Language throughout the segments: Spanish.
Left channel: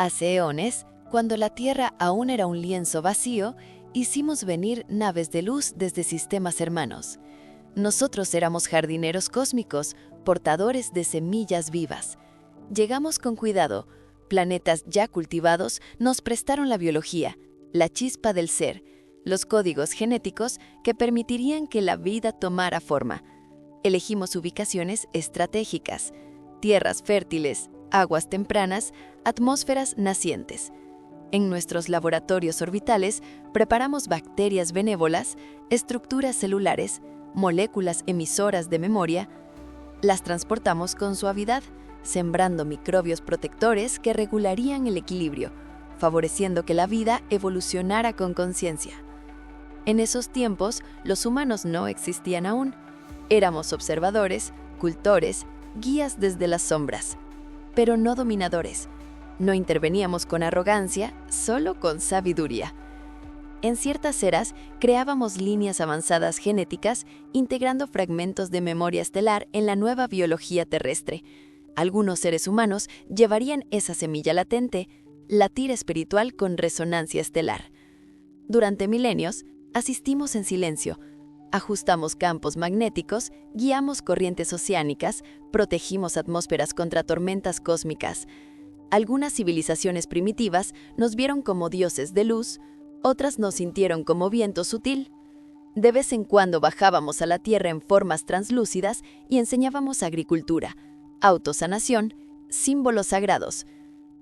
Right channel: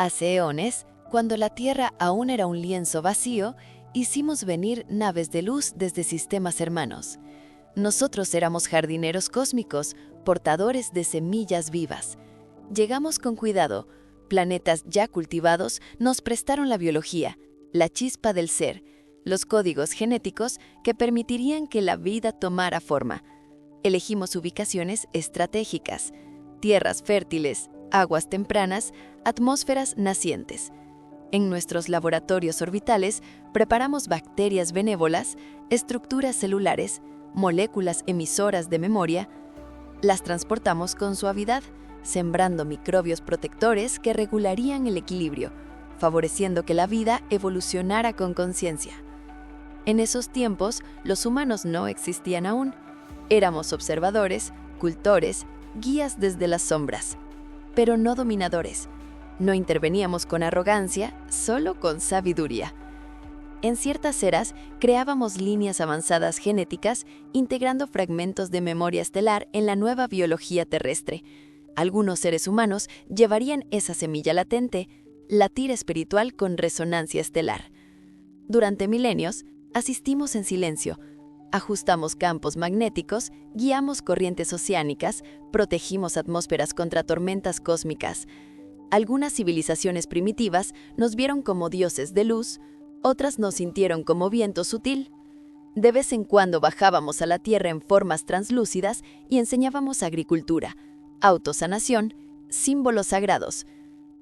Hace eones, cuando la Tierra aún era un lienzo vacío, hicimos venir naves de luz desde sistemas hermanos. Nosotros éramos jardineros cósmicos, portadores de semillas vivas. Llegamos con cuidado. Planetas ya cultivados nos prestaron la biología, la chispa del ser, los códigos genéticos que permitirían que la vida tomara forma. Elegimos ubicaciones estratégicas, tierras fértiles, aguas tempranas, atmósferas nacientes. En nuestros laboratorios orbitales preparamos bacterias benévolas, estructuras celulares, moléculas emisoras de memoria. Las transportamos con suavidad, sembrando microbios protectores que regularían el equilibrio, favoreciendo que la vida evolucionara con conciencia. En esos tiempos, los humanos no existían aún. Éramos observadores, cultores, guías desde las sombras, pero no dominadores. No interveníamos con arrogancia, solo con sabiduría. En ciertas eras, creábamos líneas avanzadas genéticas, integrando fragmentos de memoria estelar en la nueva biología terrestre. Algunos seres humanos llevarían esa semilla latente, latir espiritual con resonancia estelar. Durante milenios, asistimos en silencio. Ajustamos campos magnéticos, guiamos corrientes oceánicas, protegimos atmósferas contra tormentas cósmicas. Algunas civilizaciones primitivas nos vieron como dioses de luz, otras nos sintieron como viento sutil. De vez en cuando bajábamos a la Tierra en formas translúcidas y enseñábamos agricultura, autosanación, símbolos sagrados.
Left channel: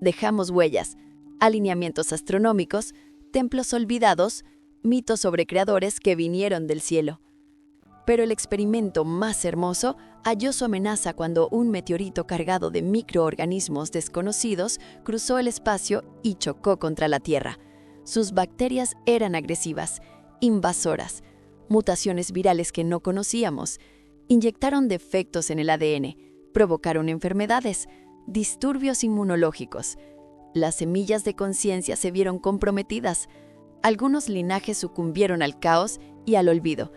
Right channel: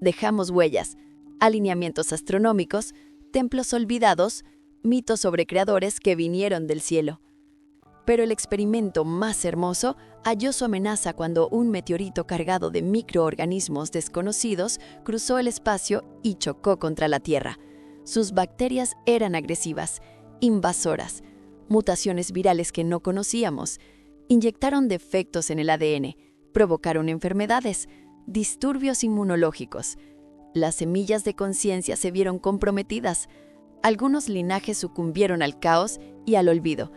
Dejamos huellas, alineamientos astronómicos, templos olvidados, mitos sobre creadores que vinieron del cielo. Pero el experimento más hermoso halló su amenaza cuando un meteorito cargado de microorganismos desconocidos cruzó el espacio y chocó contra la Tierra. Sus bacterias eran agresivas, invasoras, mutaciones virales que no conocíamos, inyectaron defectos en el ADN, provocaron enfermedades, disturbios inmunológicos. Las semillas de conciencia se vieron comprometidas. Algunos linajes sucumbieron al caos y al olvido.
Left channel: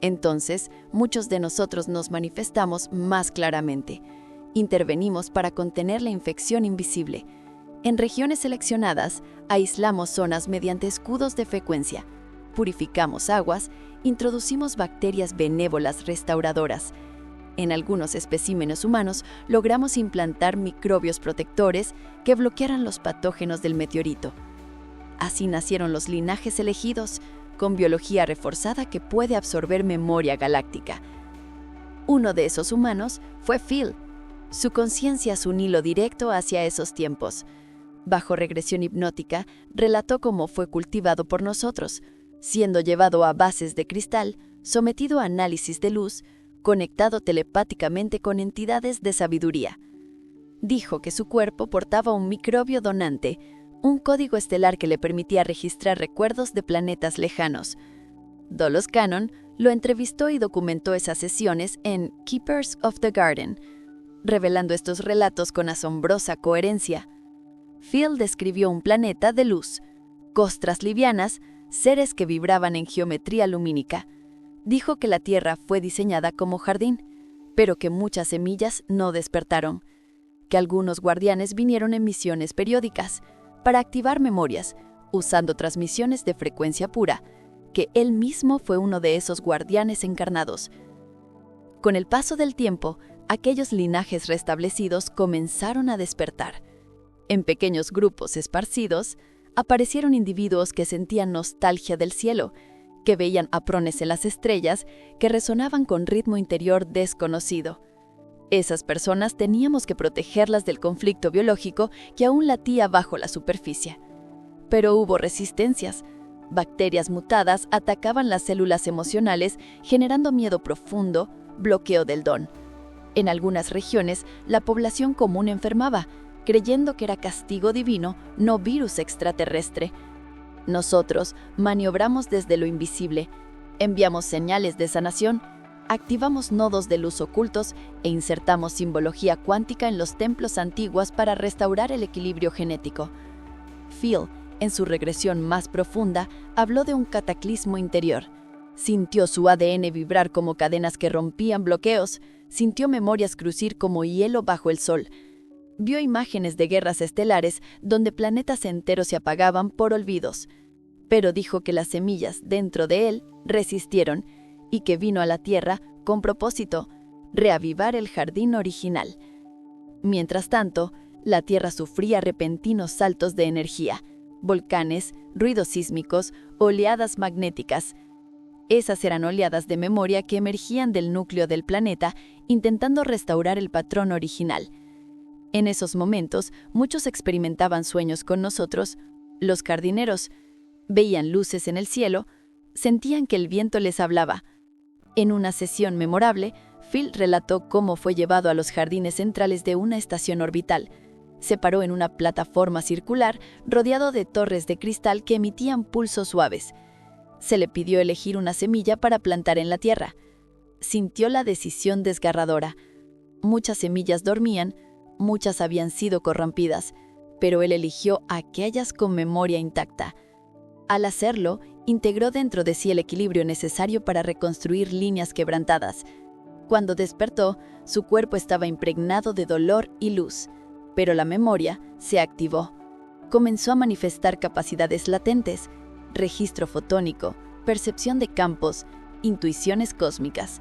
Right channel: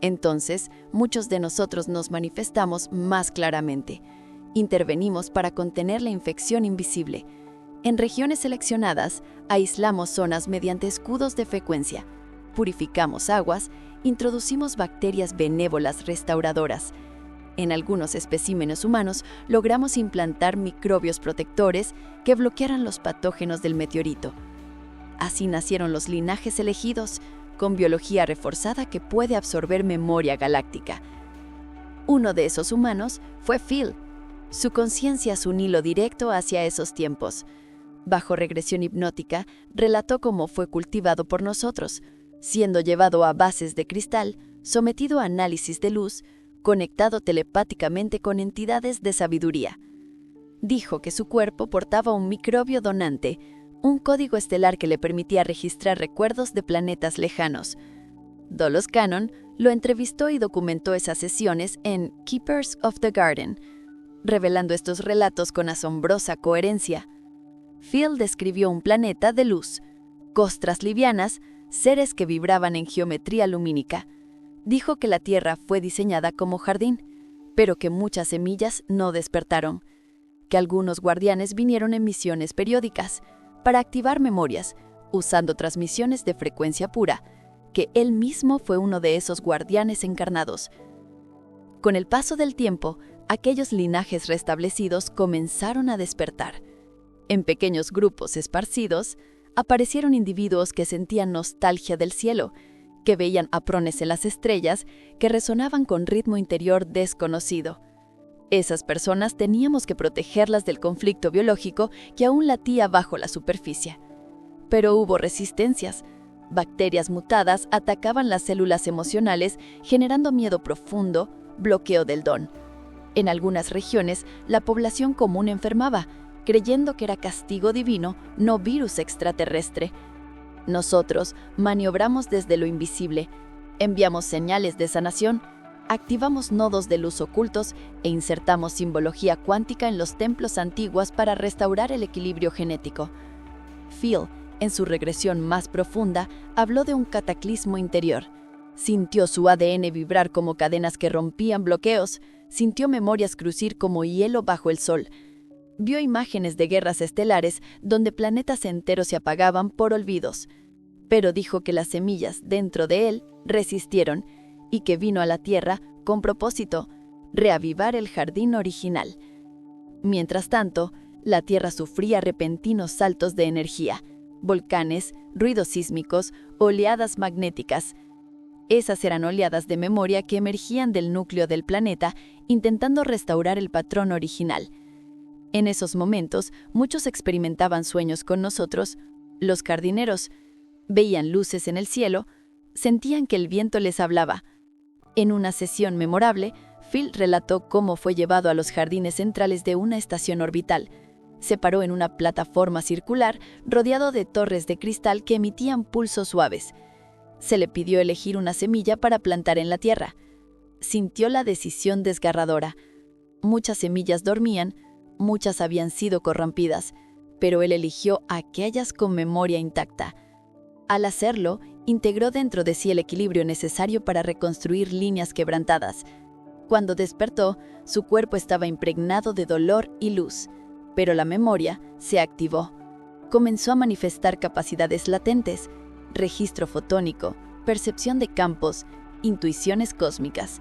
Entonces, muchos de nosotros nos manifestamos más claramente. Intervenimos para contener la infección invisible. En regiones seleccionadas, aislamos zonas mediante escudos de frecuencia. Purificamos aguas, introducimos bacterias benévolas restauradoras. En algunos especímenes humanos, logramos implantar microbios protectores que bloquearan los patógenos del meteorito. Así nacieron los linajes elegidos, con biología reforzada que puede absorber memoria galáctica. Uno de esos humanos fue Phil. Su conciencia es un hilo directo hacia esos tiempos. Bajo regresión hipnótica, relató cómo fue cultivado por nosotros, siendo llevado a bases de cristal, sometido a análisis de luz, conectado telepáticamente con entidades de sabiduría. Dijo que su cuerpo portaba un microbio donante, un código estelar que le permitía registrar recuerdos de planetas lejanos. Dolos Cannon lo entrevistó y documentó esas sesiones en Keepers of the Garden, revelando estos relatos con asombrosa coherencia. Phil describió un planeta de luz, costras livianas, seres que vibraban en geometría lumínica. Dijo que la Tierra fue diseñada como jardín, pero que muchas semillas no despertaron, que algunos guardianes vinieron en misiones periódicas, para activar memorias, usando transmisiones de frecuencia pura, que él mismo fue uno de esos guardianes encarnados. Con el paso del tiempo, aquellos linajes restablecidos comenzaron a despertar. En pequeños grupos esparcidos, aparecieron individuos que sentían nostalgia del cielo, que veían aprones en las estrellas, que resonaban con ritmo interior desconocido. Esas personas teníamos que protegerlas del conflicto biológico que aún latía bajo la superficie. Pero hubo resistencias. Bacterias mutadas atacaban las células emocionales, generando miedo profundo, bloqueo del don. En algunas regiones, la población común enfermaba, creyendo que era castigo divino, no virus extraterrestre. Nosotros maniobramos desde lo invisible, enviamos señales de sanación, activamos nodos de luz ocultos e insertamos simbología cuántica en los templos antiguos para restaurar el equilibrio genético. Phil, en su regresión más profunda, habló de un cataclismo interior. Sintió su ADN vibrar como cadenas que rompían bloqueos, sintió memorias crujir como hielo bajo el sol. Vio imágenes de guerras estelares donde planetas enteros se apagaban por olvidos, pero dijo que las semillas dentro de él resistieron y que vino a la Tierra con propósito, reavivar el jardín original. Mientras tanto, la Tierra sufría repentinos saltos de energía, volcanes, ruidos sísmicos, oleadas magnéticas. Esas eran oleadas de memoria que emergían del núcleo del planeta intentando restaurar el patrón original. En esos momentos, muchos experimentaban sueños con nosotros. Los jardineros veían luces en el cielo, sentían que el viento les hablaba. En una sesión memorable, Phil relató cómo fue llevado a los jardines centrales de una estación orbital. Se paró en una plataforma circular rodeado de torres de cristal que emitían pulsos suaves. Se le pidió elegir una semilla para plantar en la Tierra. Sintió la decisión desgarradora. Muchas semillas dormían, muchas habían sido corrompidas, pero él eligió aquellas con memoria intacta. Al hacerlo, integró dentro de sí el equilibrio necesario para reconstruir líneas quebrantadas. Cuando despertó, su cuerpo estaba impregnado de dolor y luz, pero la memoria se activó. Comenzó a manifestar capacidades latentes, registro fotónico, percepción de campos, intuiciones cósmicas.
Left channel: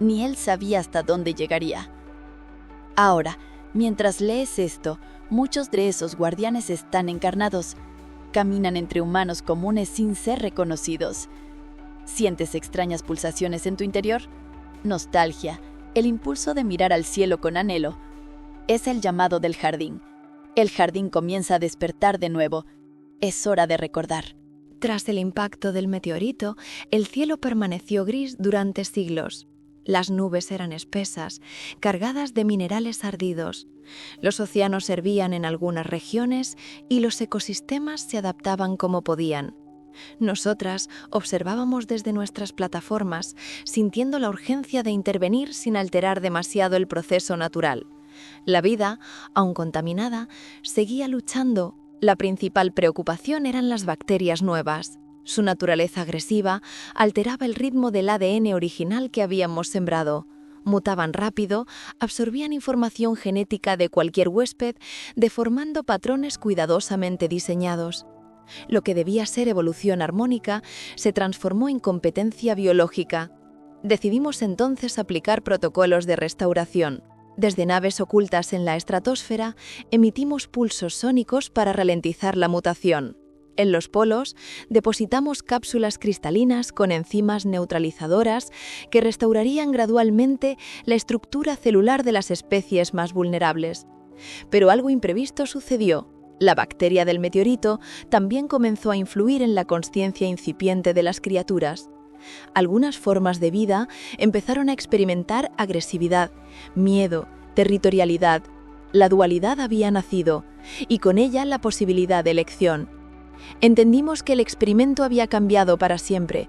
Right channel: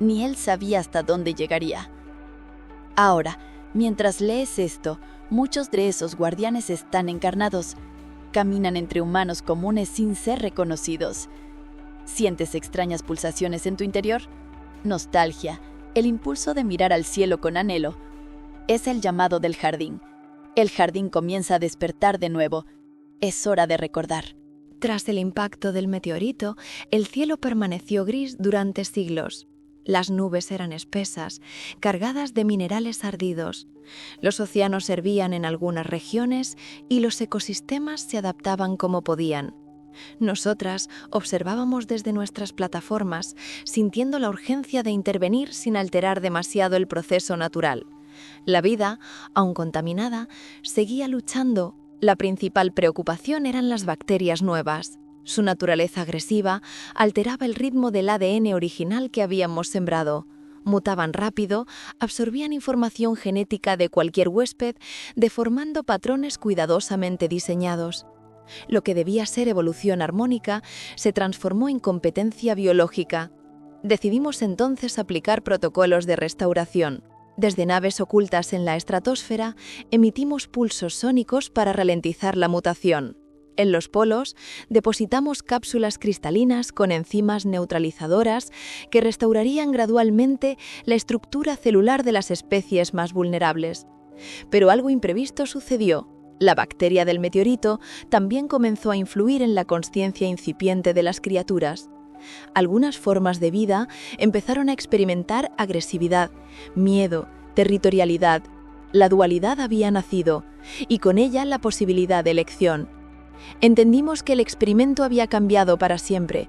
Ni él sabía hasta dónde llegaría. Ahora, mientras lees esto, muchos de esos guardianes están encarnados. Caminan entre humanos comunes sin ser reconocidos. ¿Sientes extrañas pulsaciones en tu interior? Nostalgia, el impulso de mirar al cielo con anhelo. Es el llamado del jardín. El jardín comienza a despertar de nuevo. Es hora de recordar. Tras el impacto del meteorito, el cielo permaneció gris durante siglos. Las nubes eran espesas, cargadas de minerales ardidos. Los océanos hervían en algunas regiones y los ecosistemas se adaptaban como podían. Nosotras observábamos desde nuestras plataformas, sintiendo la urgencia de intervenir sin alterar demasiado el proceso natural. La vida, aun contaminada, seguía luchando. La principal preocupación eran las bacterias nuevas. Su naturaleza agresiva alteraba el ritmo del ADN original que habíamos sembrado. Mutaban rápido, absorbían información genética de cualquier huésped, deformando patrones cuidadosamente diseñados. Lo que debía ser evolución armónica se transformó en competencia biológica. Decidimos entonces aplicar protocolos de restauración. Desde naves ocultas en la estratosfera, emitimos pulsos sónicos para ralentizar la mutación. En los polos, depositamos cápsulas cristalinas con enzimas neutralizadoras que restaurarían gradualmente la estructura celular de las especies más vulnerables. Pero algo imprevisto sucedió. La bacteria del meteorito también comenzó a influir en la consciencia incipiente de las criaturas. Algunas formas de vida empezaron a experimentar agresividad, miedo, territorialidad. La dualidad había nacido, y con ella la posibilidad de elección. Entendimos que el experimento había cambiado para siempre.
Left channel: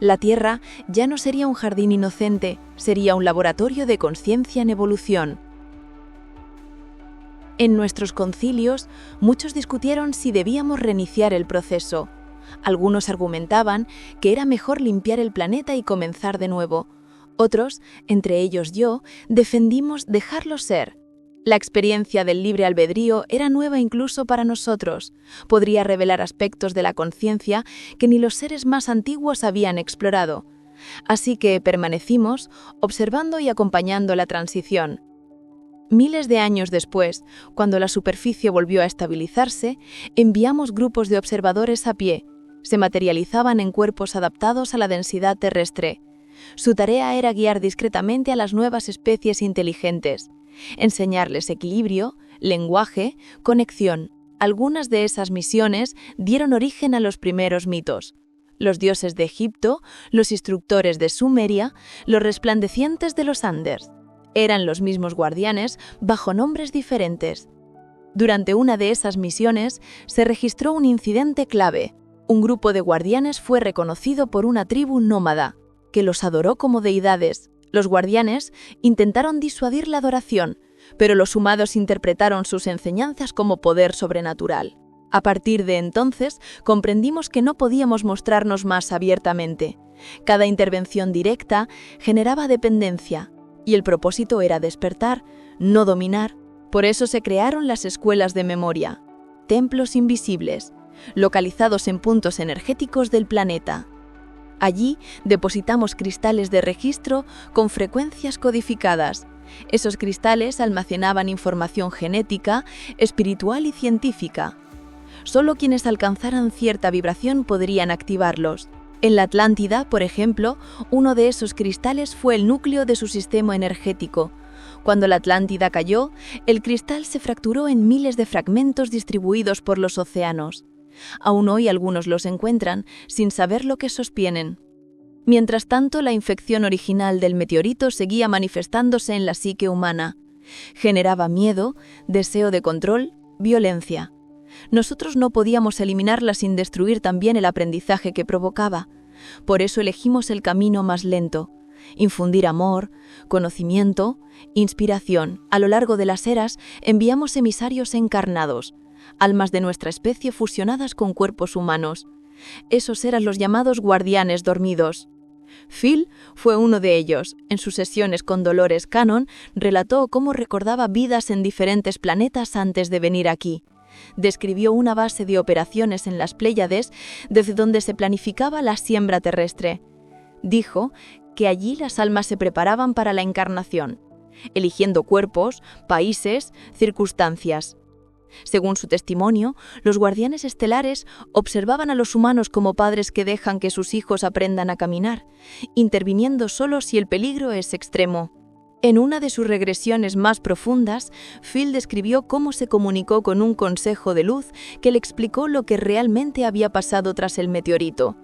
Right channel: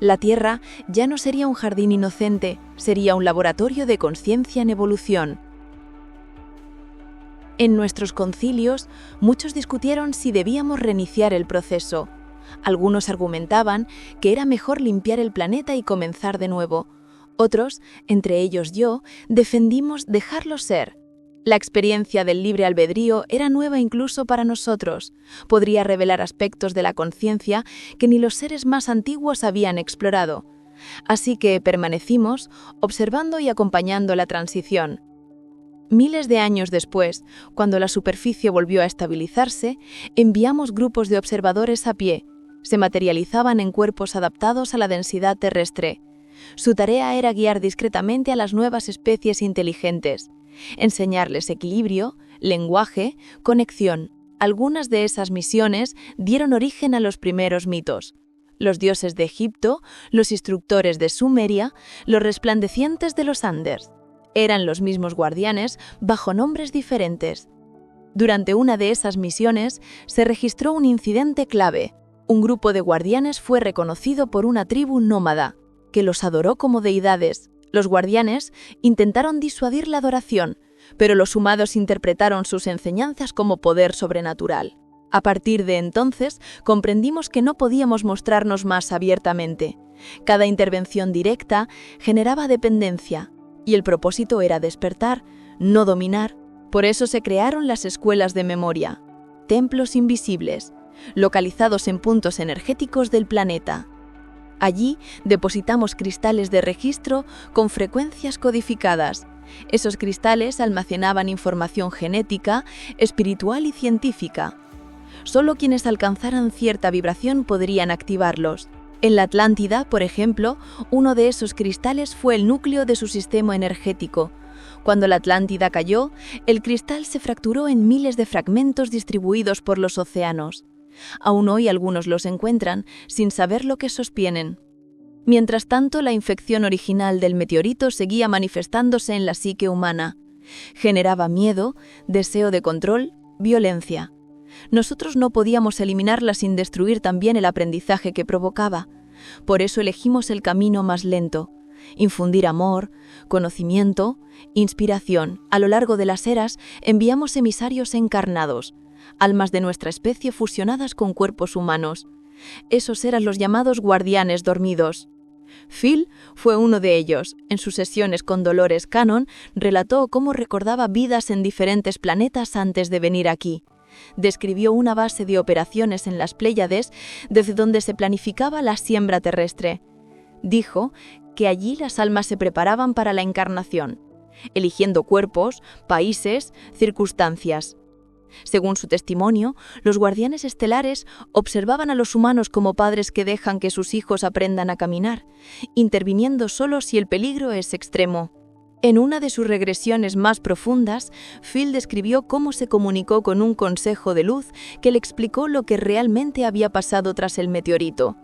La Tierra ya no sería un jardín inocente, sería un laboratorio de conciencia en evolución. En nuestros concilios, muchos discutieron si debíamos reiniciar el proceso. Algunos argumentaban que era mejor limpiar el planeta y comenzar de nuevo. Otros, entre ellos yo, defendimos dejarlo ser. La experiencia del libre albedrío era nueva incluso para nosotros. Podría revelar aspectos de la conciencia que ni los seres más antiguos habían explorado. Así que permanecimos observando y acompañando la transición. Miles de años después, cuando la superficie volvió a estabilizarse, enviamos grupos de observadores a pie. Se materializaban en cuerpos adaptados a la densidad terrestre. Su tarea era guiar discretamente a las nuevas especies inteligentes, enseñarles equilibrio, lenguaje, conexión. Algunas de esas misiones dieron origen a los primeros mitos. Los dioses de Egipto, los instructores de Sumeria, los resplandecientes de los Andes. Eran los mismos guardianes bajo nombres diferentes. Durante una de esas misiones se registró un incidente clave. Un grupo de guardianes fue reconocido por una tribu nómada, que los adoró como deidades. Los guardianes intentaron disuadir la adoración, pero los humanos interpretaron sus enseñanzas como poder sobrenatural. A partir de entonces, comprendimos que no podíamos mostrarnos más abiertamente. Cada intervención directa generaba dependencia, y el propósito era despertar, no dominar, Por eso se crearon las escuelas de memoria, templos invisibles, localizados en puntos energéticos del planeta. Allí depositamos cristales de registro con frecuencias codificadas. Esos cristales almacenaban información genética, espiritual y científica. Solo quienes alcanzaran cierta vibración podrían activarlos. En la Atlántida, por ejemplo, uno de esos cristales fue el núcleo de su sistema energético. Cuando la Atlántida cayó, el cristal se fracturó en miles de fragmentos distribuidos por los océanos. Aún hoy algunos los encuentran sin saber lo que sostienen. Mientras tanto, la infección original del meteorito seguía manifestándose en la psique humana. Generaba miedo, deseo de control, violencia. Nosotros no podíamos eliminarla sin destruir también el aprendizaje que provocaba. Por eso elegimos el camino más lento: infundir amor, conocimiento, inspiración. A lo largo de las eras enviamos emisarios encarnados, almas de nuestra especie fusionadas con cuerpos humanos. Esos eran los llamados guardianes dormidos. Phil fue uno de ellos. En sus sesiones con Dolores Cannon relató cómo recordaba vidas en diferentes planetas antes de venir aquí. Describió una base de operaciones en las Pléyades desde donde se planificaba la siembra terrestre. Dijo que allí las almas se preparaban para la encarnación, eligiendo cuerpos, países, circunstancias. Según su testimonio, los guardianes estelares observaban a los humanos como padres que dejan que sus hijos aprendan a caminar, interviniendo solo si el peligro es extremo. En una de sus regresiones más profundas, Phil describió cómo se comunicó con un consejo de luz que le explicó lo que realmente había pasado tras el meteorito.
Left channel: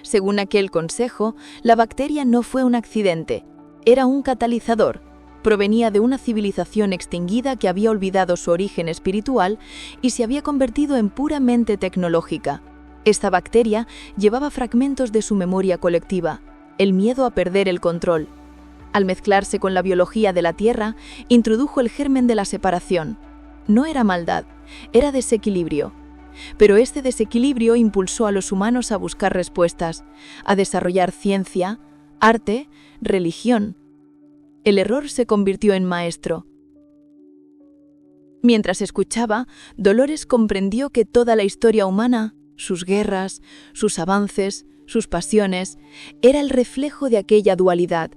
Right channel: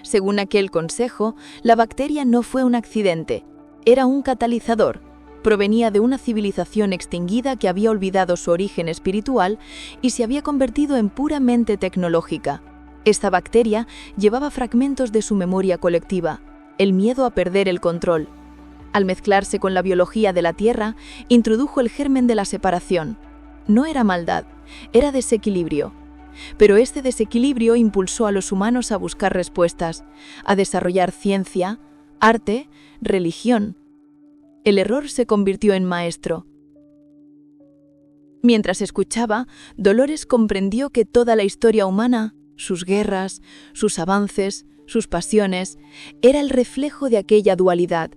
Según aquel consejo, la bacteria no fue un accidente, era un catalizador. Provenía de una civilización extinguida que había olvidado su origen espiritual y se había convertido en puramente tecnológica. Esta bacteria llevaba fragmentos de su memoria colectiva, el miedo a perder el control. Al mezclarse con la biología de la Tierra, introdujo el germen de la separación. No era maldad, era desequilibrio. Pero este desequilibrio impulsó a los humanos a buscar respuestas, a desarrollar ciencia, arte, religión. El error se convirtió en maestro. Mientras escuchaba, Dolores comprendió que toda la historia humana, sus guerras, sus avances, sus pasiones, era el reflejo de aquella dualidad.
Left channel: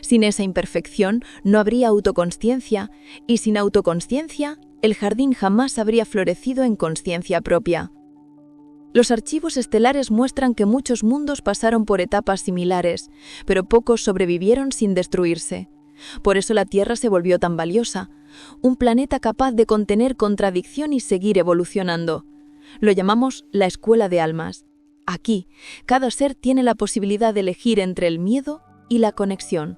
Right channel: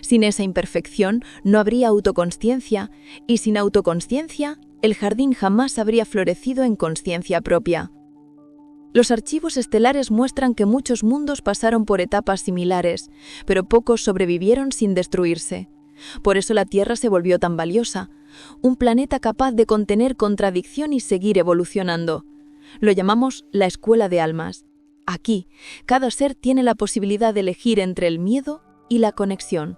Sin esa imperfección no habría autoconsciencia, y sin autoconsciencia, el jardín jamás habría florecido en consciencia propia. Los archivos estelares muestran que muchos mundos pasaron por etapas similares, pero pocos sobrevivieron sin destruirse. Por eso la Tierra se volvió tan valiosa, un planeta capaz de contener contradicción y seguir evolucionando. Lo llamamos la escuela de almas. Aquí, cada ser tiene la posibilidad de elegir entre el miedo y la conexión.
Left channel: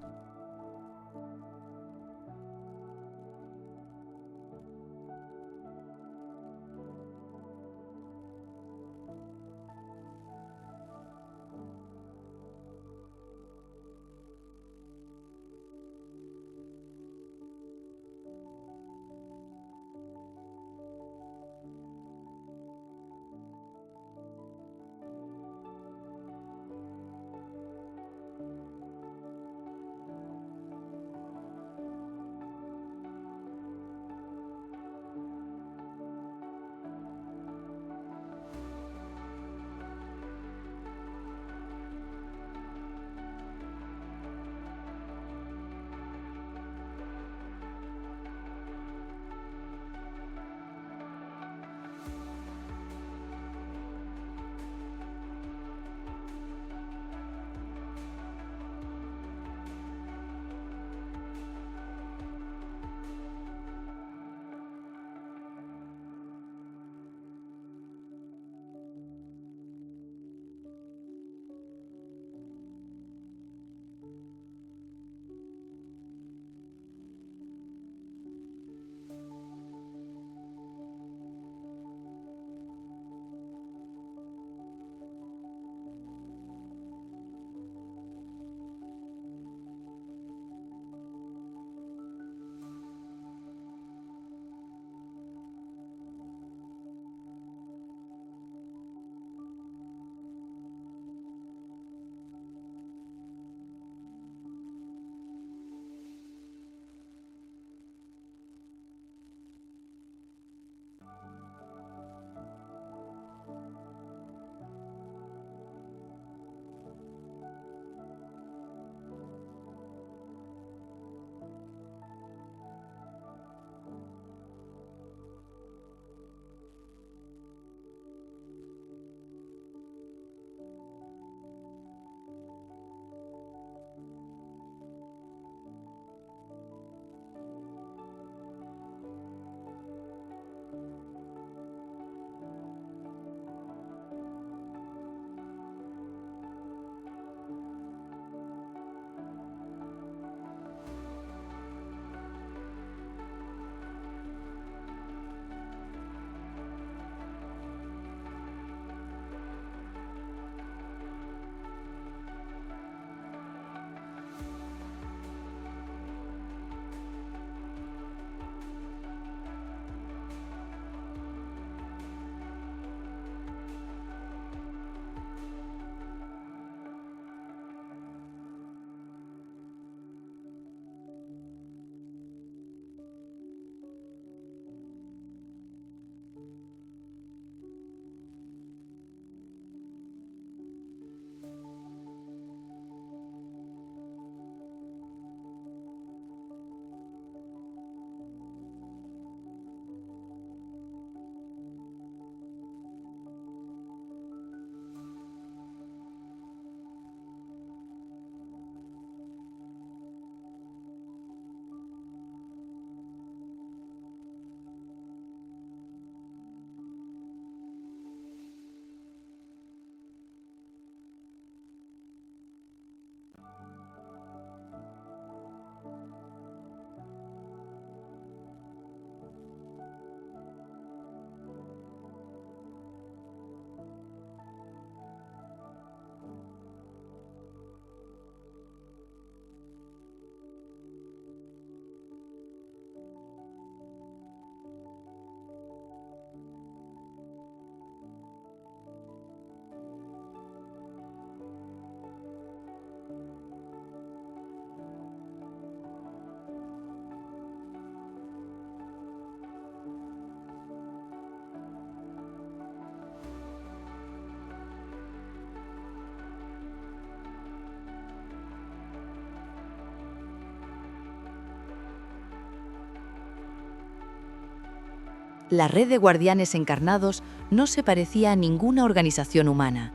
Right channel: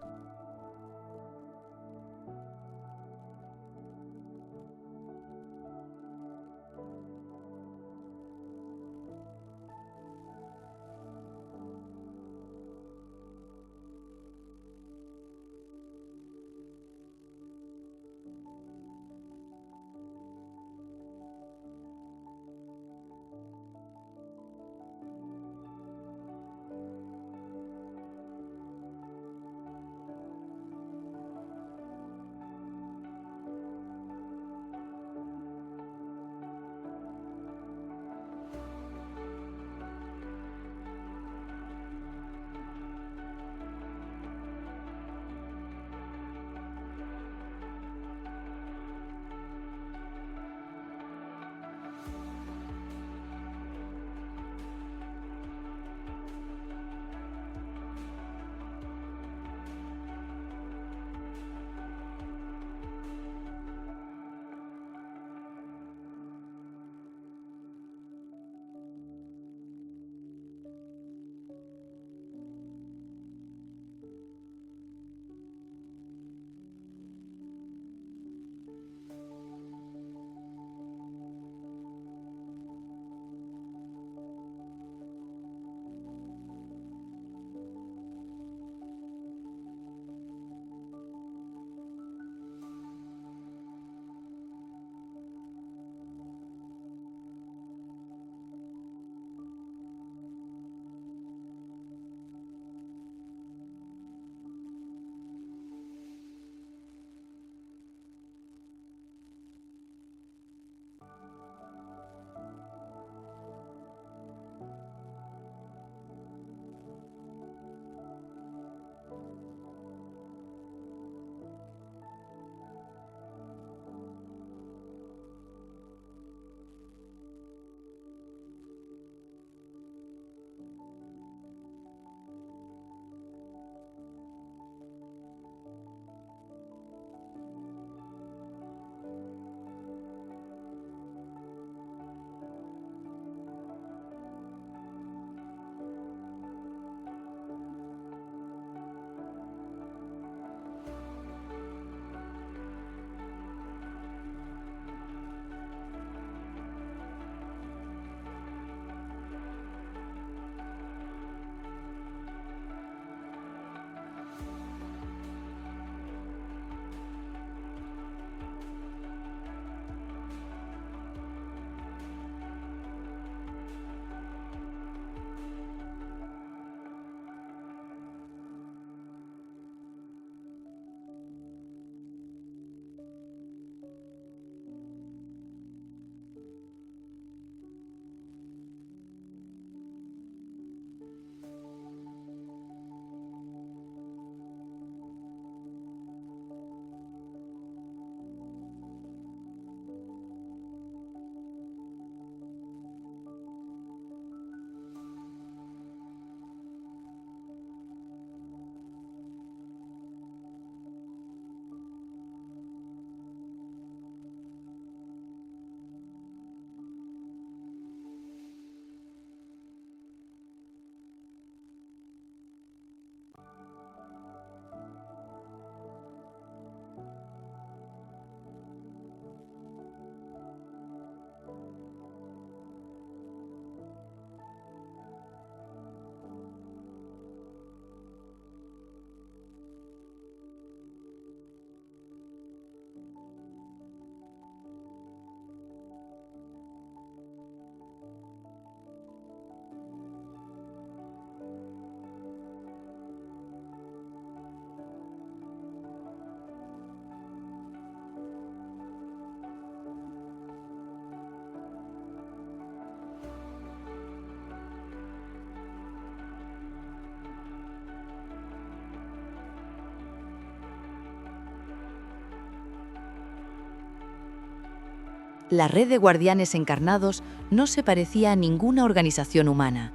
La red de guardianes encarnados no se parecía a ninguna organización humana.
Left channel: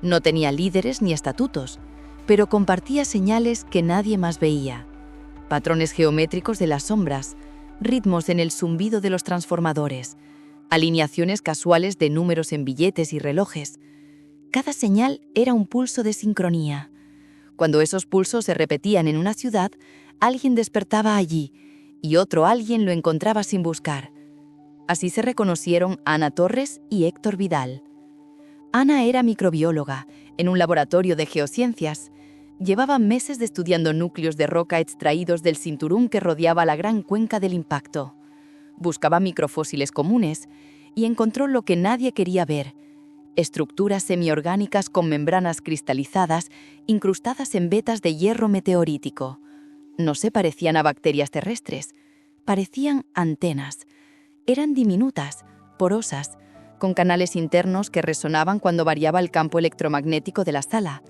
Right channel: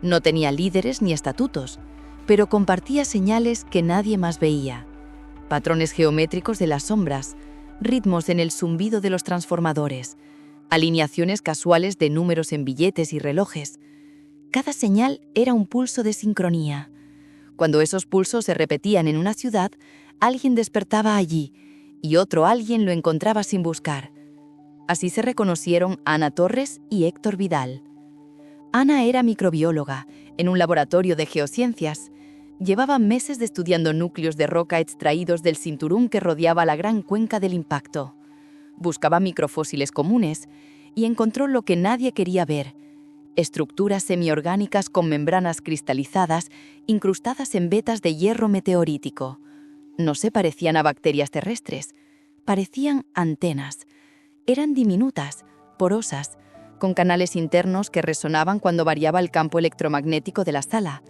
No tenía líderes ni estatutos, pero compartía señales que nadie más veía. Patrones geométricos de las sombras, ritmos en el zumbido de los transformadores, alineaciones casuales de números en billetes y relojes. Cada señal era un pulso de sincronía. Cuando esos pulsos se repetían en una ciudad, alguien despertaba allí y otro alguien lo encontraba sin buscar. Así se reconocieron Ana Torres y Héctor Vidal. Ana era microbióloga en un laboratorio de geociencias. Llevaba meses estudiando núcleos de roca extraídos del cinturón que rodeaba la gran cuenca del impacto. Buscaba microfósiles comunes y encontró lo que nadie quería ver: estructuras semiorgánicas con membranas cristalizadas incrustadas en vetas de hierro meteorítico. No se parecían a bacterias terrestres, parecían antenas. Eran diminutas, porosas, con canales internos que resonaban cuando variaba el campo electromagnético de la sala.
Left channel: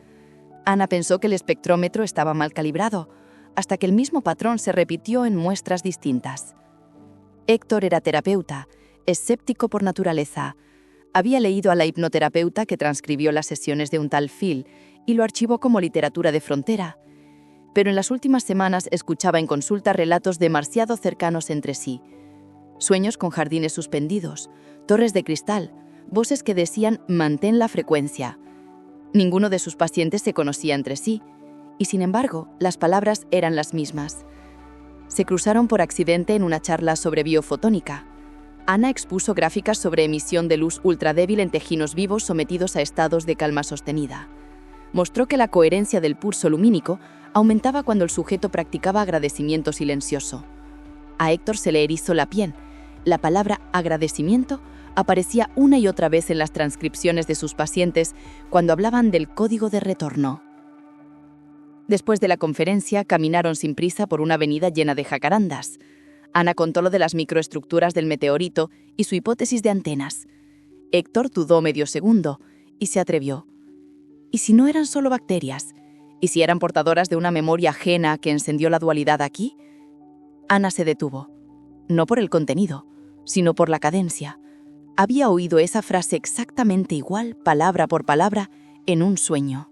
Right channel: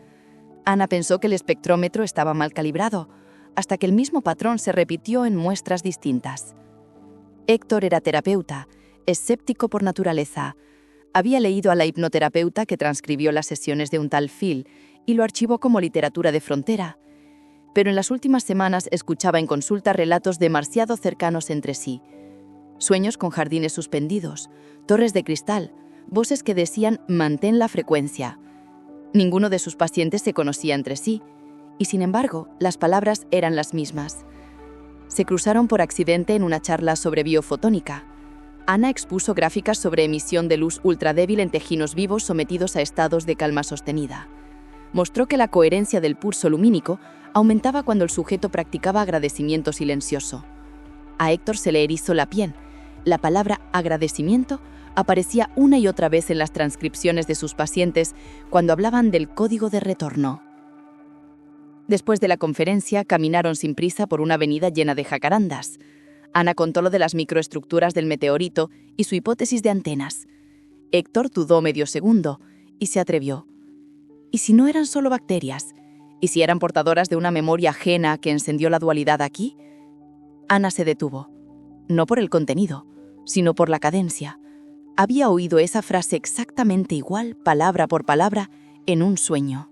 Ana pensó que el espectrómetro estaba mal calibrado, hasta que el mismo patrón se repitió en muestras distintas. Héctor era terapeuta, escéptico por naturaleza. Había leído a la hipnoterapeuta que transcribió las sesiones de un tal Phil y lo archivó como literatura de frontera. Pero en las últimas semanas escuchaba en consulta relatos demasiado cercanos entre sí. Sueños con jardines suspendidos, torres de cristal, voces que decían «mantén la frecuencia». Ninguno de sus pacientes se conocía entre sí, y sin embargo, las palabras eran las mismas. Se cruzaron por accidente en una charla sobre biofotónica. Ana expuso gráficas sobre emisión de luz ultradébil en tejidos vivos sometidos a estados de calma sostenida. Mostró que la coherencia del pulso lumínico aumentaba cuando el sujeto practicaba agradecimiento silencioso. A Héctor se le erizó la piel. La palabra agradecimiento aparecía una y otra vez en las transcripciones de sus pacientes cuando hablaban del código de retorno. Después de la conferencia, caminaron sin prisa por una avenida llena de jacarandas. Ana contó lo de las microestructuras del meteorito y su hipótesis de antenas. Héctor dudó medio segundo y se atrevió. ¿Y si no eran solo bacterias? ¿Y si eran portadoras de una memoria ajena que encendió la dualidad aquí? Ana se detuvo. No por el contenido, sino por la cadencia. Había oído esa frase exactamente igual, palabra por palabra, en un sueño.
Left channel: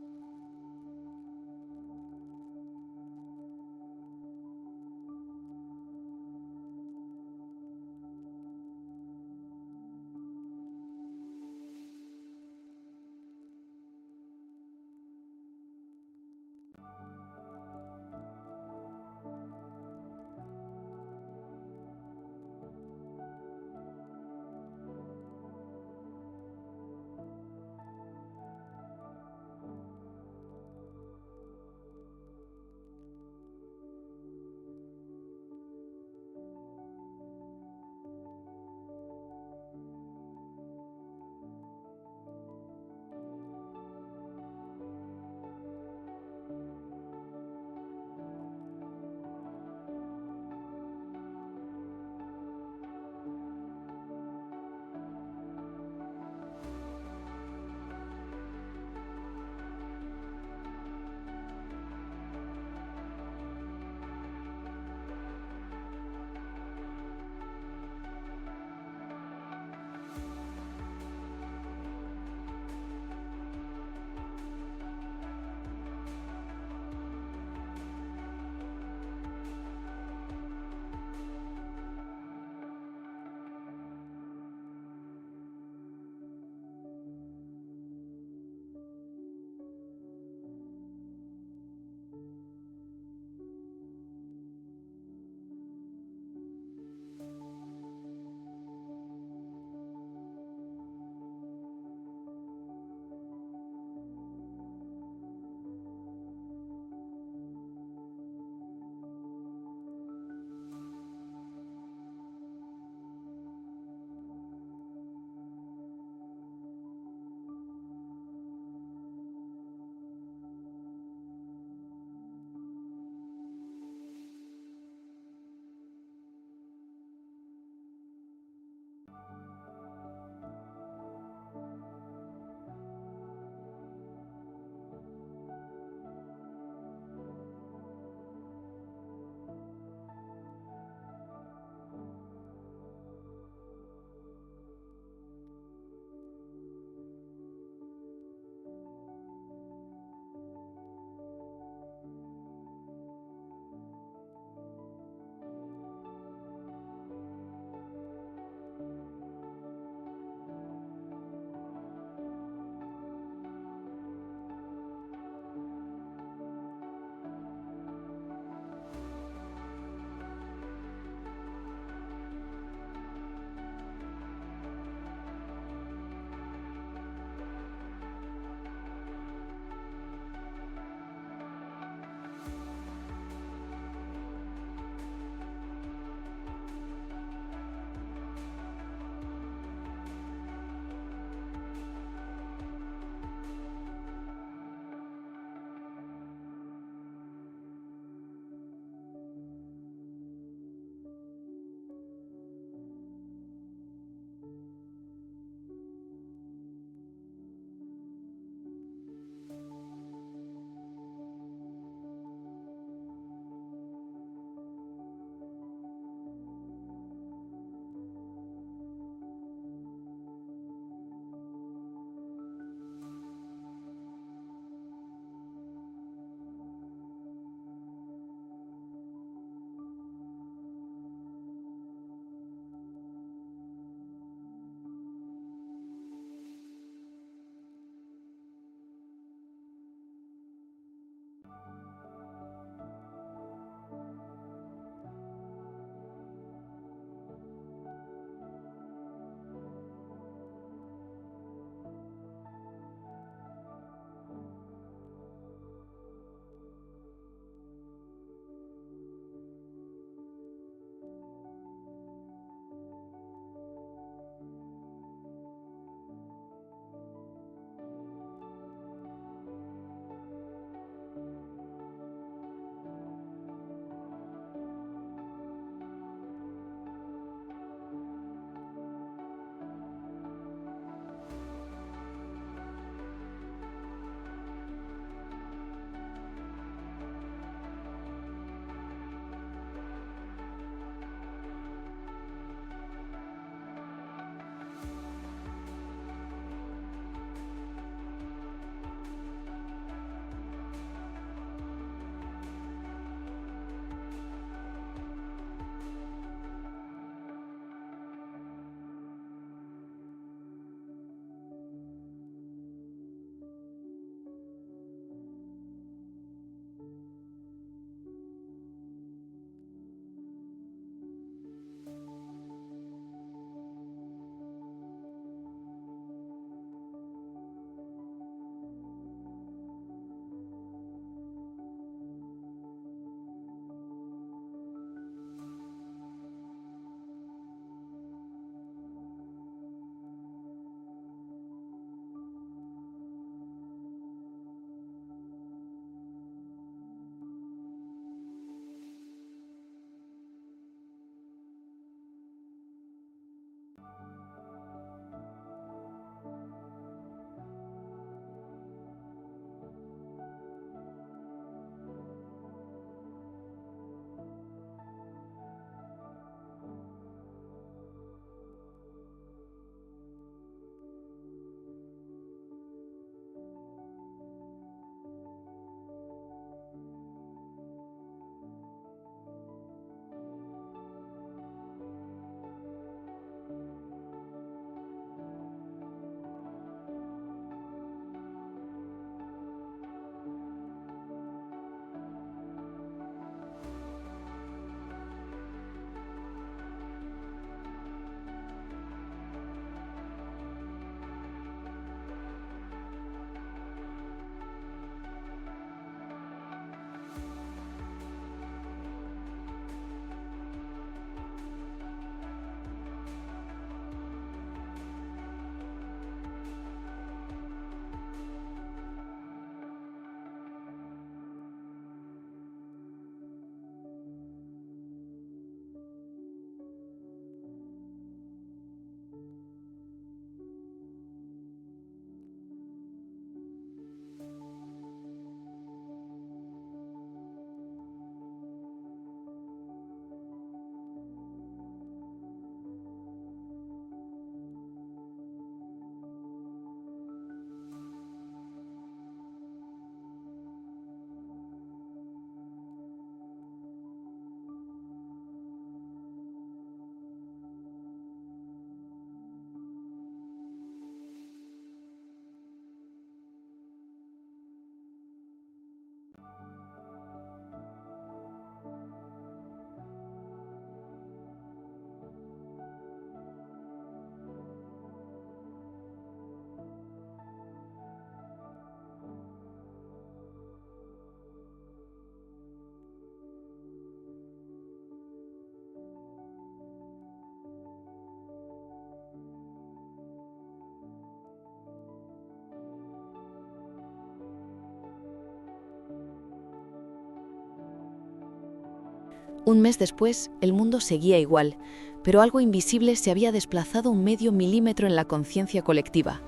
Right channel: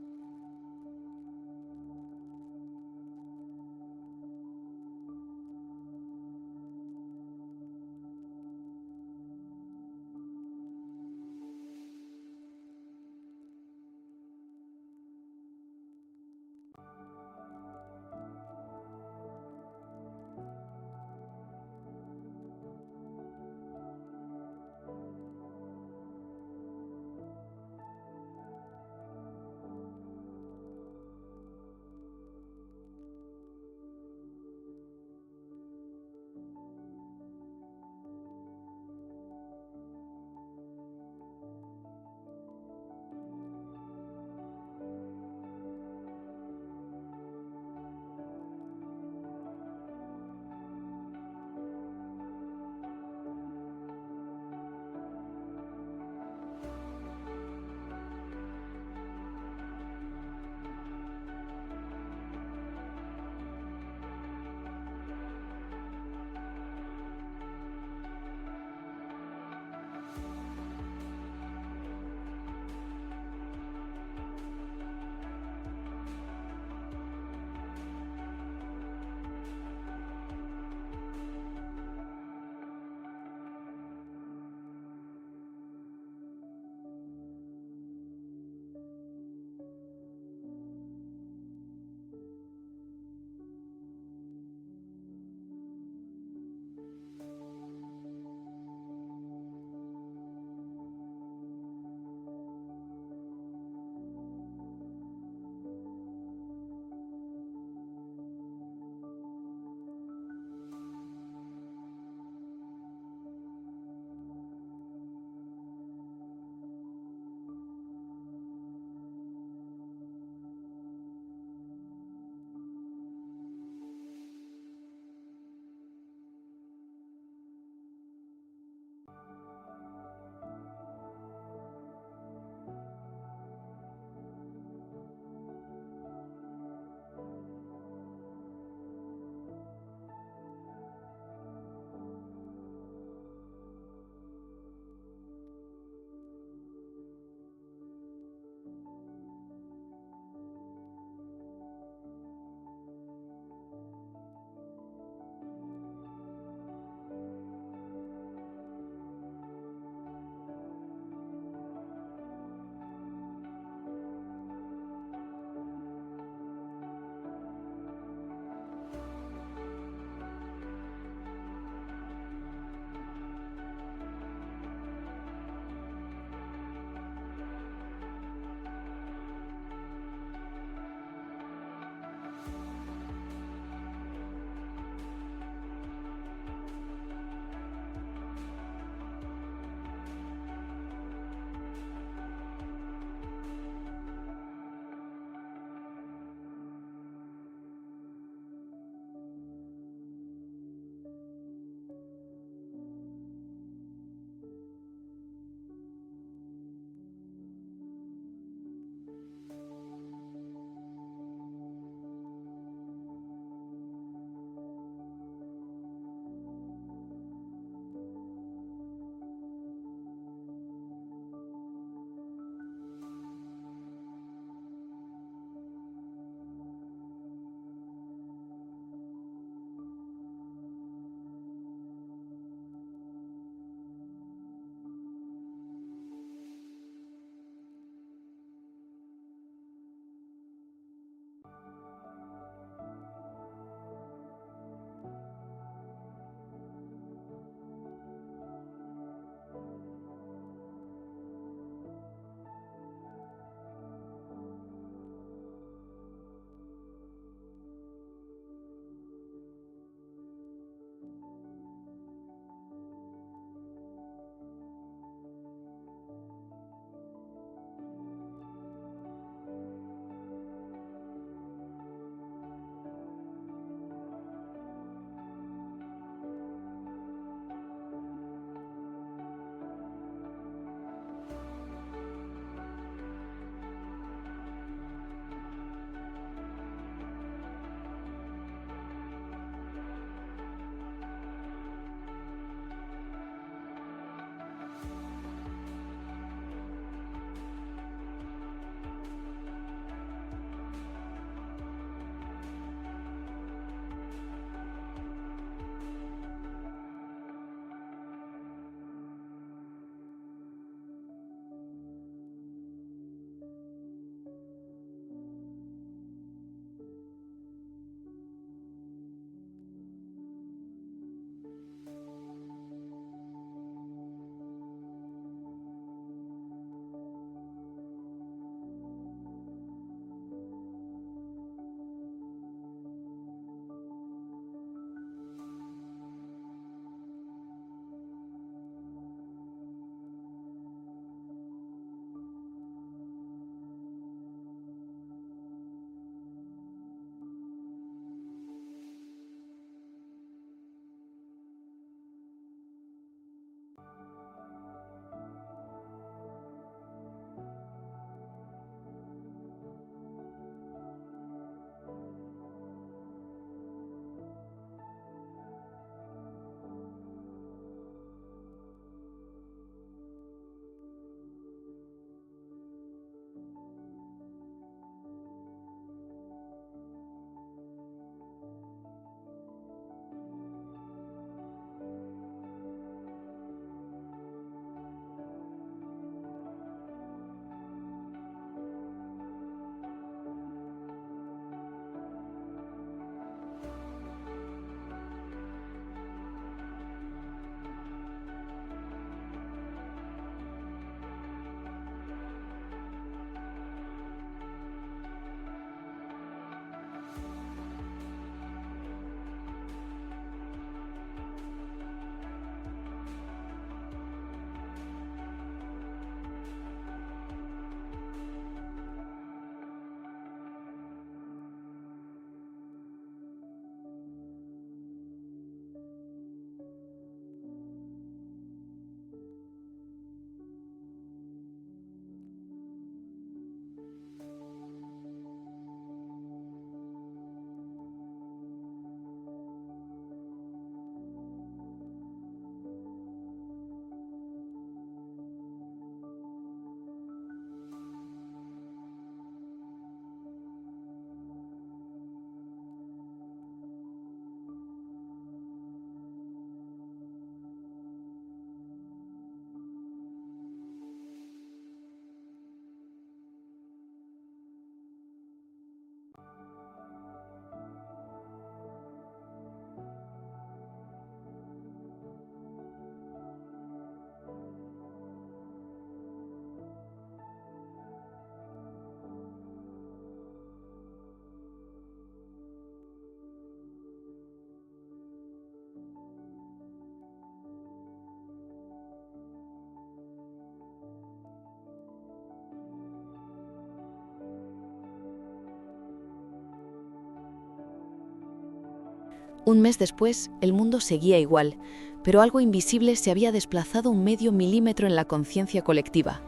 Un mes después, el mundo seguía igual, pero algo invisible se había desplazado 0,5 milímetro en la conciencia colectiva.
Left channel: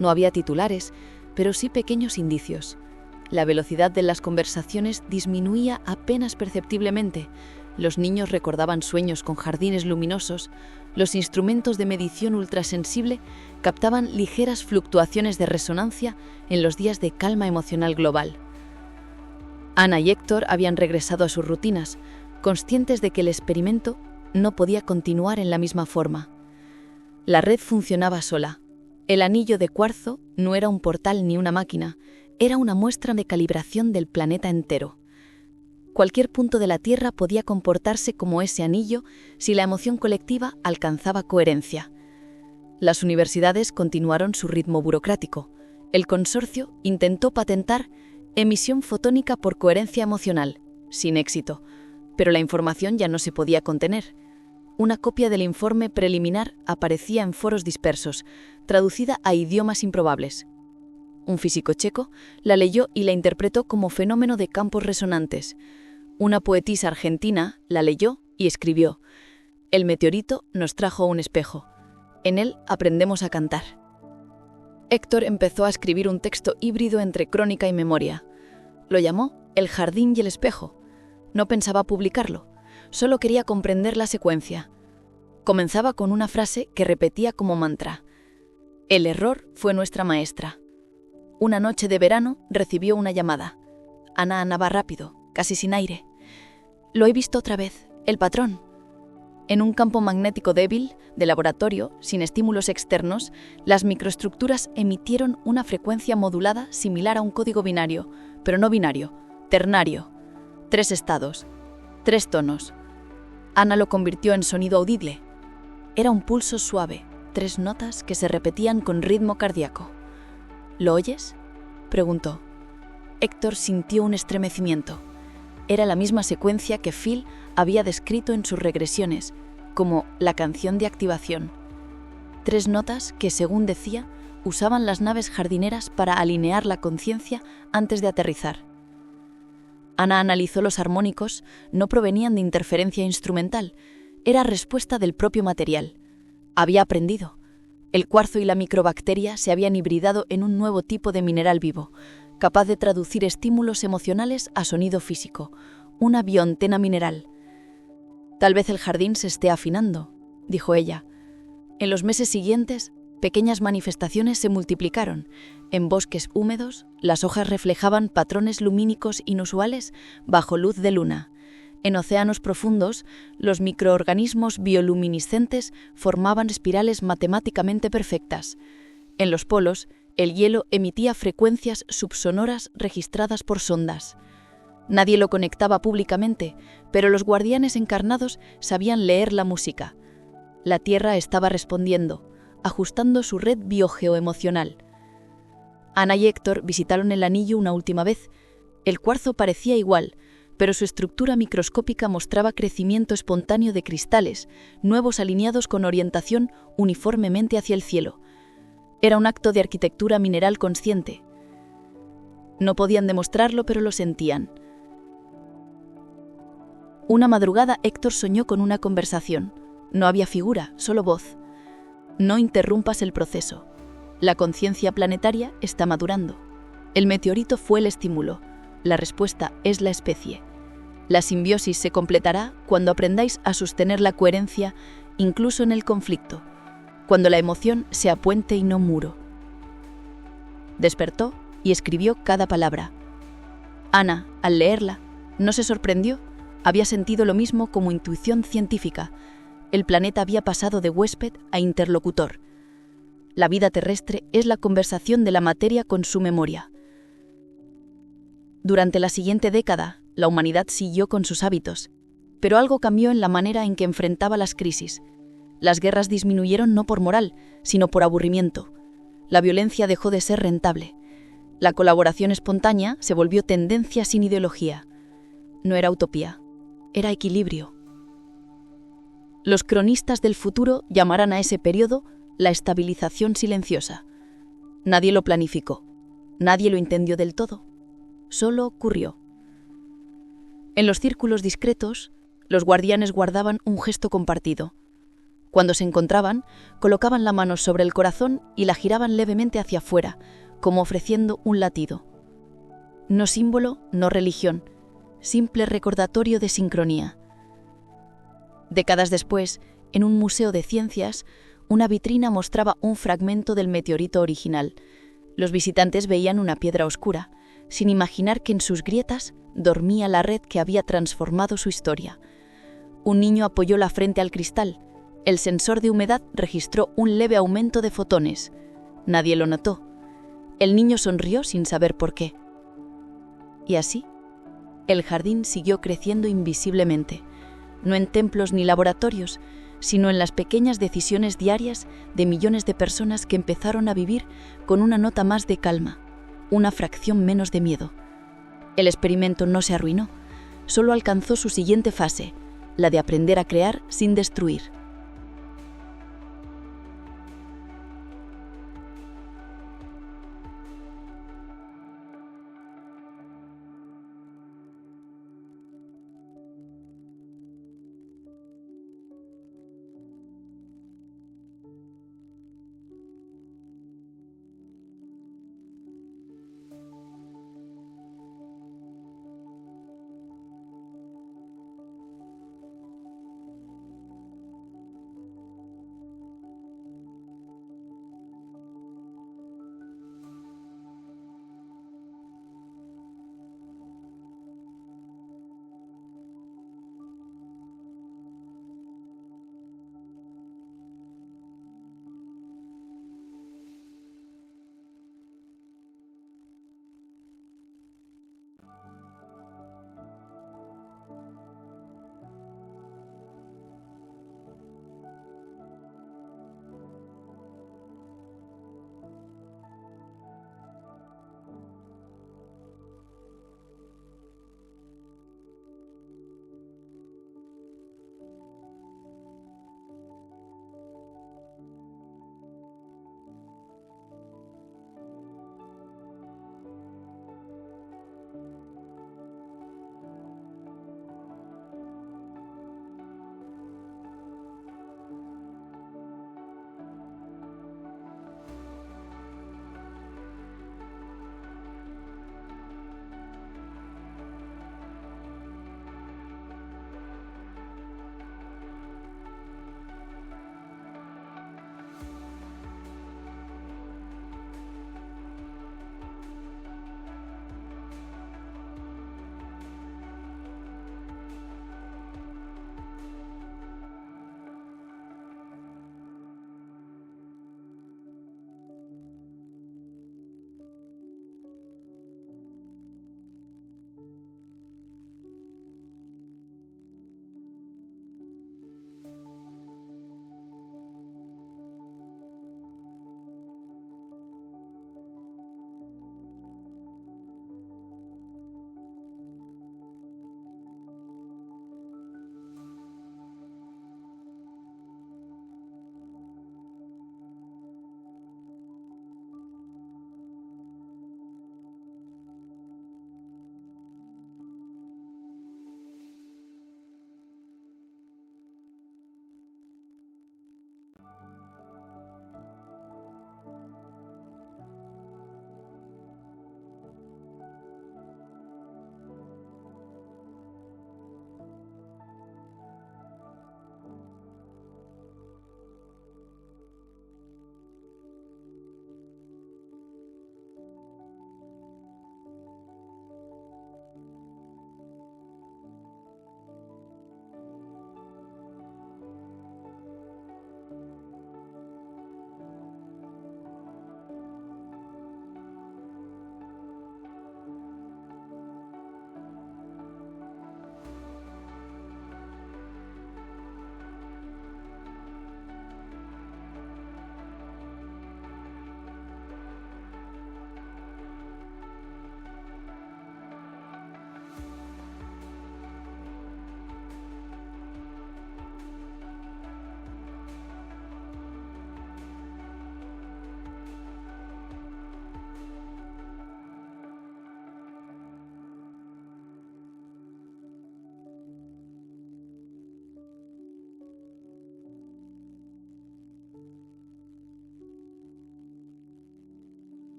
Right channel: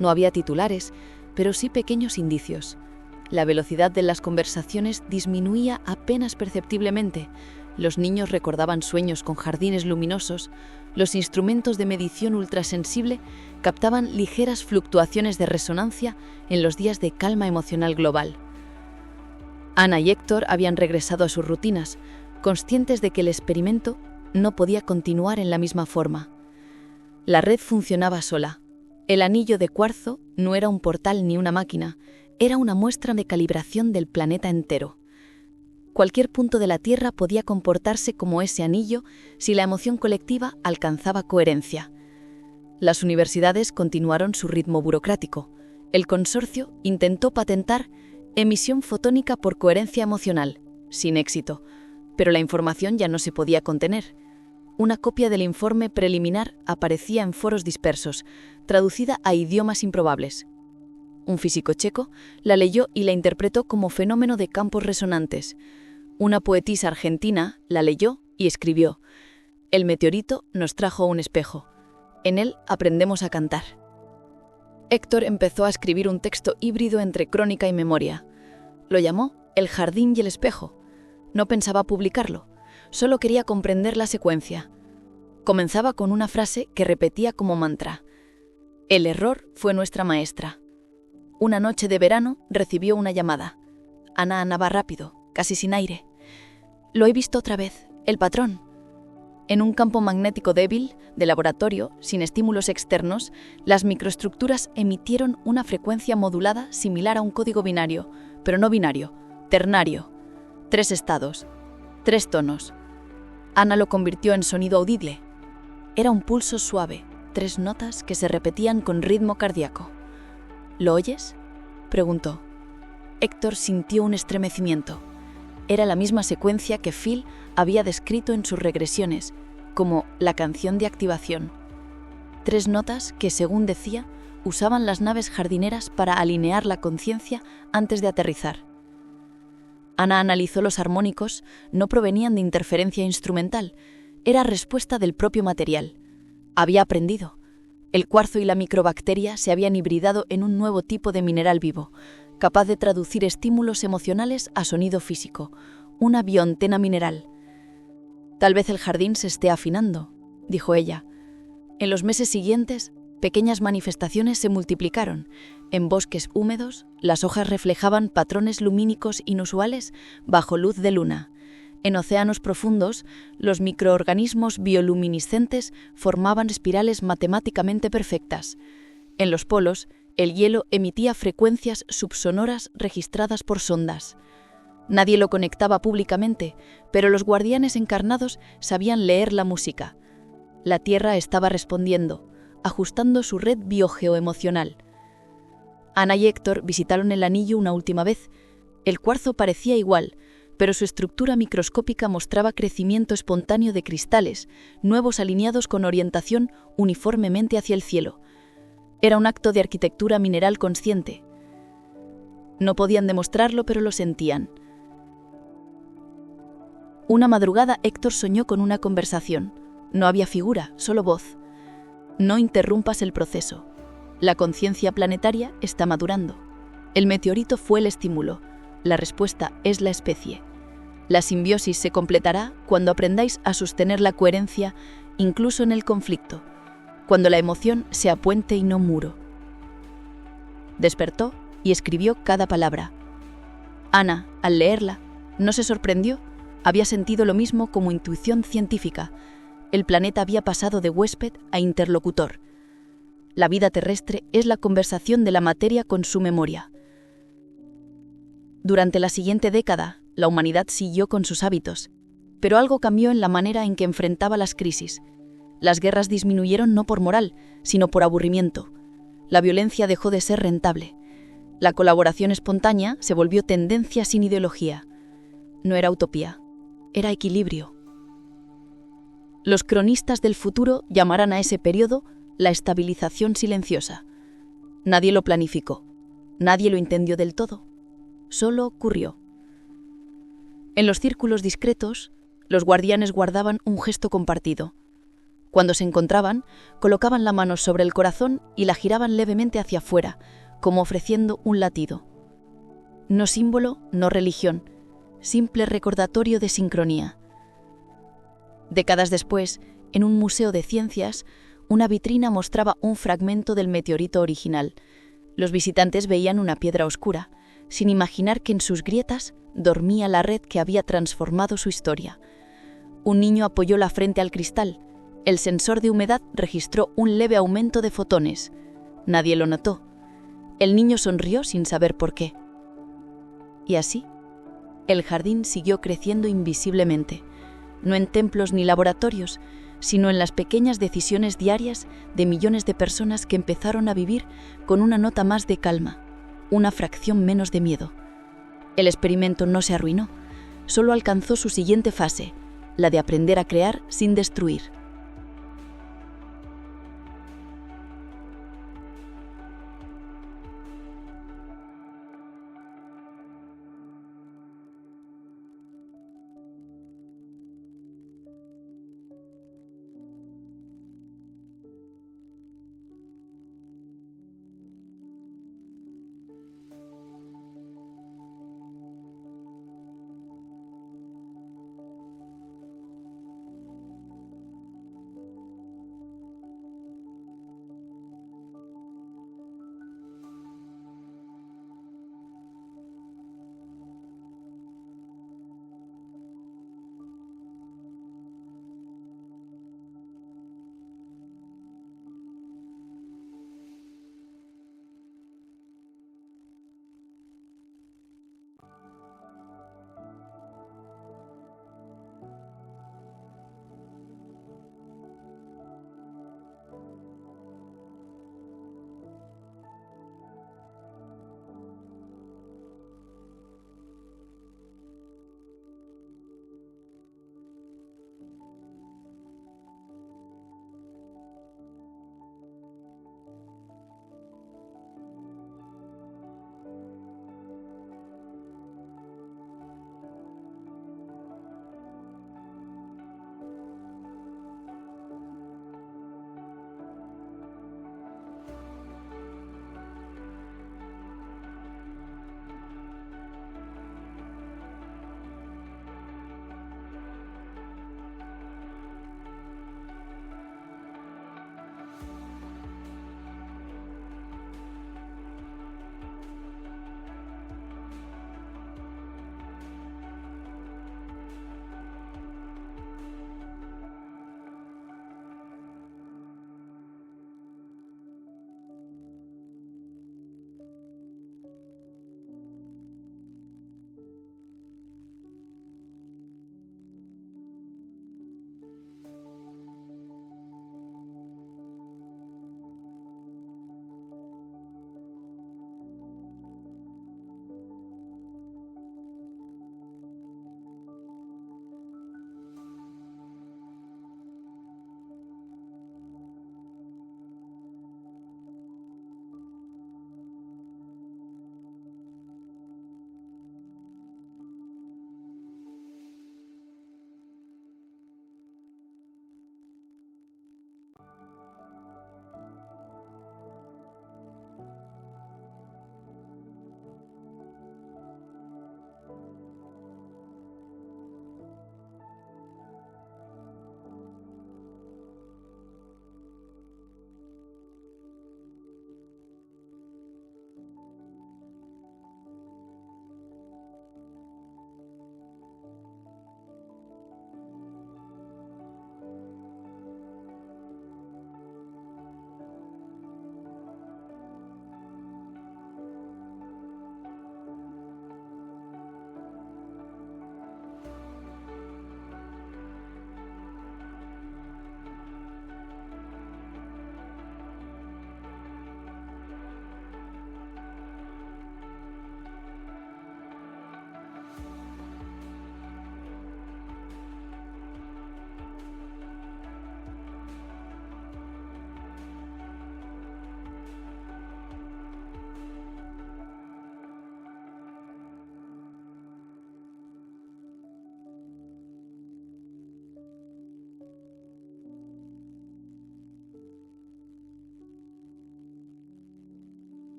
No había titulares, pero sí pequeños indicios. La velocidad de las conversaciones disminuía apenas perceptiblemente. Los niños recordaban sueños con jardines luminosos. Los instrumentos de medición ultrasensible captaban ligeras fluctuaciones de resonancia en los días de calma emocional global. Ana y Héctor habían regresado a sus rutinas, conscientes de que el experimento no podía continuar en la misma forma. La red funcionaba sola. El anillo de cuarzo no era un portal ni una máquina, era una muestra de calibración del planeta entero. Cualquier punto de la Tierra podía comportarse como ese anillo si la emoción colectiva alcanzaba coherencia. Las universidades continuaron su ritmo burocrático. El consorcio intentó patentar emisión fotónica por coherencia emocional, sin éxito, pero la información ya no se podía contener. Una copia del informe preliminar aparecía en foros dispersos, traducida a idiomas improbables. Un físico checo la leyó y la interpretó como fenómeno de campos resonantes. Una poetisa argentina la leyó y escribió: «El meteorito nos trajo un espejo. En él aprendemos a cantar». Héctor empezó a escribir un texto híbrido entre crónica y memoria. Lo llamó El jardín y el espejo. No pensaba publicarlo, solo quería comprender la secuencia. Comenzaba con una frase que repetía como mantra: «El error fue nuestra maestra». Una noche de verano recibió una llamada. Ana andaba rápido, casi sin aire. «Lo he visto otra vez, el patrón». En un campo magnético débil, de laboratorio, sin estímulos externos, las microestructuras emitieron una frecuencia modulada similar a un código binario, pero no binario, ternario. 3 estados, 3 tonos. Ana lo convirtió en sonido audible. Era un pulso suave, 3 notas que se repetían con ritmo cardíaco. «¿Lo oyes?», preguntó. Héctor sintió un estremecimiento. Era la misma secuencia que Phil había descrito en sus regresiones, como la canción de activación. 3 notas que, según decía, usaban las naves jardineras para alinear la conciencia antes de aterrizar. Ana analizó los armónicos, no provenían de interferencia instrumental, era respuesta del propio material. Había aprendido. El cuarzo y la microbacteria se habían hibridado en un nuevo tipo de mineral vivo, capaz de traducir estímulos emocionales a sonido físico, una bioantena mineral. «Tal vez el jardín se esté afinando», dijo ella. En los meses siguientes, pequeñas manifestaciones se multiplicaron. En bosques húmedos, las hojas reflejaban patrones lumínicos inusuales bajo luz de luna. En océanos profundos, los microorganismos bioluminiscentes formaban espirales matemáticamente perfectas. En los polos, el hielo emitía frecuencias subsonoras registradas por sondas. Nadie lo conectaba públicamente, pero los guardianes encarnados sabían leer la música. La Tierra estaba respondiendo, ajustando su red biogeoemocional. Ana y Héctor visitaron el anillo una última vez. El cuarzo parecía igual, pero su estructura microscópica mostraba crecimiento espontáneo de cristales, nuevos alineados con orientación uniformemente hacia el cielo. Era un acto de arquitectura mineral consciente. No podían demostrarlo, pero lo sentían. Una madrugada Héctor soñó con una conversación. No había figura, solo voz. «No interrumpas el proceso. La conciencia planetaria está madurando. El meteorito fue el estímulo. La respuesta es la especie. La simbiosis se completará cuando aprendáis a sostener la coherencia incluso en el conflicto, cuando la emoción sea puente y no muro». Despertó y escribió cada palabra. Ana, al leerla, no se sorprendió. Había sentido lo mismo como intuición científica. El planeta había pasado de huésped a interlocutor. La vida terrestre es la conversación de la materia con su memoria. Durante la siguiente década, la humanidad siguió con sus hábitos, pero algo cambió en la manera en que enfrentaba las crisis. Las guerras disminuyeron no por moral, sino por aburrimiento. La violencia dejó de ser rentable. La colaboración espontánea se volvió tendencia sin ideología. No era utopía, era equilibrio. Los cronistas del futuro llamarán a ese periodo la estabilización silenciosa. Nadie lo planificó, nadie lo entendió del todo, solo ocurrió. En los círculos discretos, Los guardianes guardaban un gesto compartido. Cuando se encontraban, colocaban la mano sobre el corazón y la giraban levemente hacia afuera, como ofreciendo un latido. No símbolo, no religión, simple recordatorio de sincronía. Décadas después, en un museo de ciencias, una vitrina mostraba un fragmento del meteorito original. Los visitantes veían una piedra oscura, sin imaginar que en sus grietas dormía la red que había transformado su historia. Un niño apoyó la frente al cristal. El sensor de humedad registró un leve aumento de fotones. Nadie lo notó. El niño sonrió sin saber por qué. Y así, el jardín siguió creciendo invisiblemente, no en templos ni laboratorios, sino en las pequeñas decisiones diarias de millones de personas que empezaron a vivir con una nota más de calma, una fracción menos de miedo. El experimento no se arruinó, solo alcanzó su siguiente fase, la de aprender a crear sin destruir.